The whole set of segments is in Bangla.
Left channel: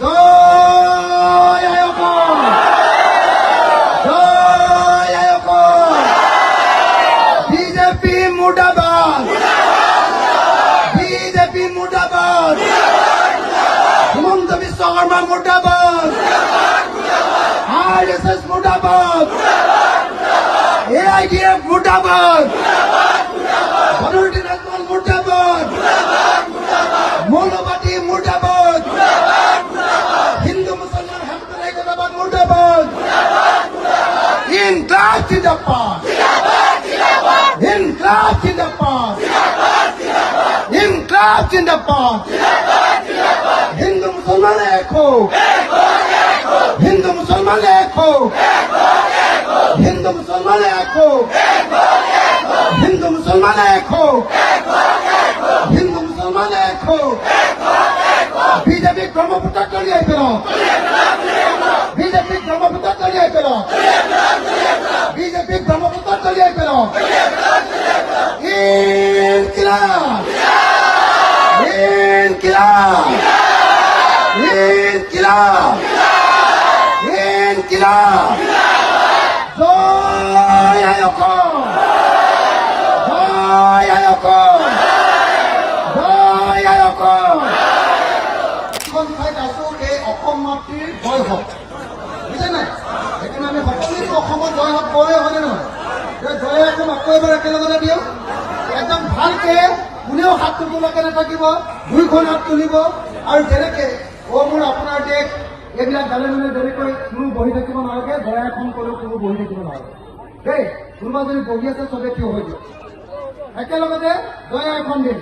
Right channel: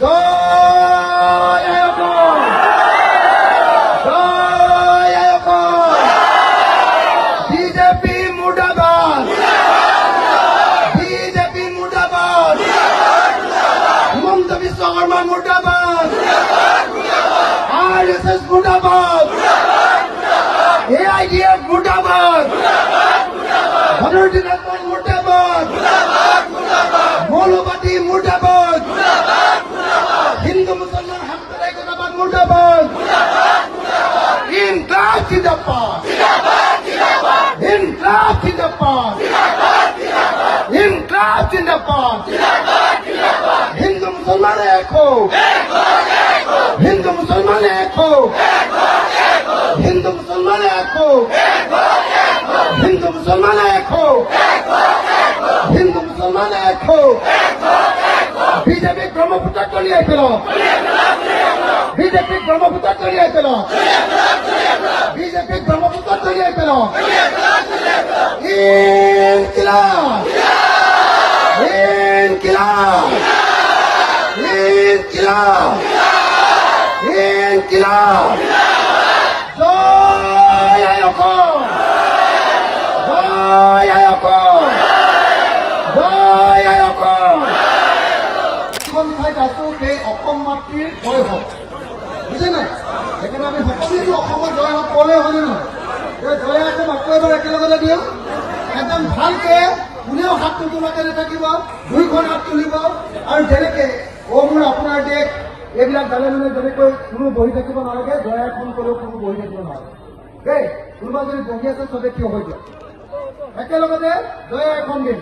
জয় আয়ুষ্মান, জয় Ayushman, BJP মুর্দাবাদ, BJP মুর্দাবাদ, Himanta Biswa Sarma মুর্দাবাদ, RSS মুর্দাবাদ, AIDF মুর্দাবাদ, ভদরুদ্দিন Ajmal মুর্দাবাদ, মৌলবাদী মুর্দাবাদ, হিন্দু মুসলমান হামদুল একতাবাদ মুর্দাবাদ, ইনকলাব জিন্দাবাদ, ইনকলাব জিন্দাবাদ, ইনকলাব জিন্দাবাদ, হিন্দু মুসলমান এক হও, হিন্দু মুসলমান এক হও, হিন্দু মুসলমান এক হও, হিন্দু মুসলমান এক হও, হিন্দু মুসলমান এক হও, বিজেপি ব্রহ্মপুত্র তলিয়ে ফেলো, বিজেপি ব্রহ্মপুত্র তলিয়ে ফেলো, বিজেপি ব্রহ্মপুত্র তলিয়ে ফেলো, ইনকিলাব, ইনকিলাব, ইনকিলাব, ইনকিলাব, জয় আয়ুষ্মান, জয় আয়ুষ্মান, জয় আয়ুষ্মান। এখন ঠাইত আছো এই অসম মাতৃৰ জয় হওক, বুজিছেনে? সেইকাৰণে আমি সকলো অসমত জয় হওক ক'লে হয়নে নহয়? জয় একদম আকৌ এবাৰ একেলগতে দিওঁ, একদম ভালকে কোনেও হাত নোতোলাকে নাথাকিব, দুইখন হাত তুলিব আৰু যেনেকে মোৰ আপোনাৰ দেশ এইবিলাক বেলেগ বেলেগ যেনেকৈ কোনো বহি থাকিব নালাগে, জয় এখন ক'লেও কোনো বহি থাকিব নালাগে দেই। কোনোবা যদি বহি আছে চবে থিয় হৈ দিয়ক, একেলগতে জয় এখন দিম,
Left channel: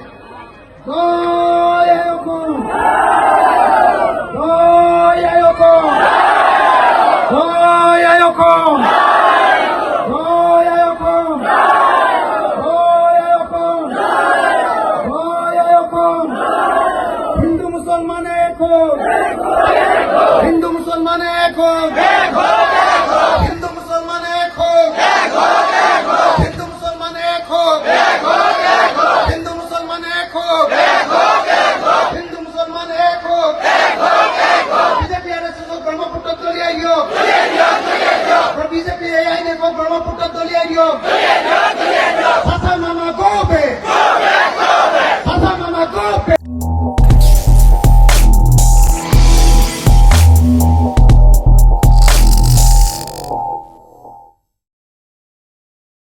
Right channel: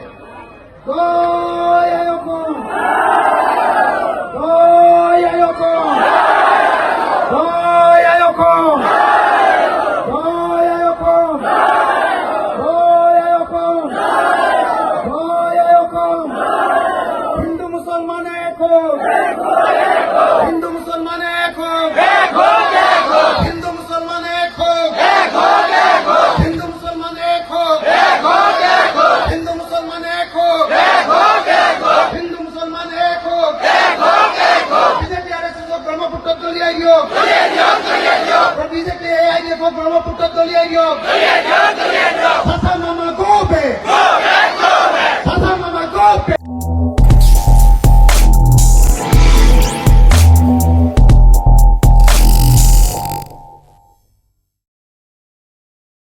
জয় আয়ুষ্মান, জয় আয়ুষ্মান, জয় আয়ুষ্মান, জয় আয়ুষ্মান, জয় আয়ুষ্মান, জয় আয়ুষ্মান। হিন্দু মুসলমান এক হোক, হিন্দু মুসলমান এক হোক, হিন্দু মুসলমান এক হোক, হিন্দু মুসলমান এক হোক, হিন্দু মুসলমান এক হোক, হিন্দু মুসলমান এক হোক, বিজেপি আরএসএস ব্রহ্মপুত্র তলিয়াই দিয়ক, বিজেপি এআইডিএফ ব্রহ্মপুত্র তলিয়াই দিয়ক, চাচা মামা গো বে, চাচা মামা গো বে।